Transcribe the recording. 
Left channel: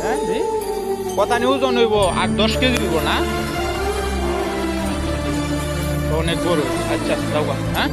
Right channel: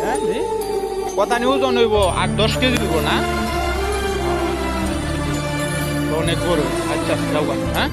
হ্যাঁ জি? কথা নিয়ে ওজন হইব, আট দশ কেজি দিব না অনেক বড় আচ্ছা যাওয়া হ্যাঁ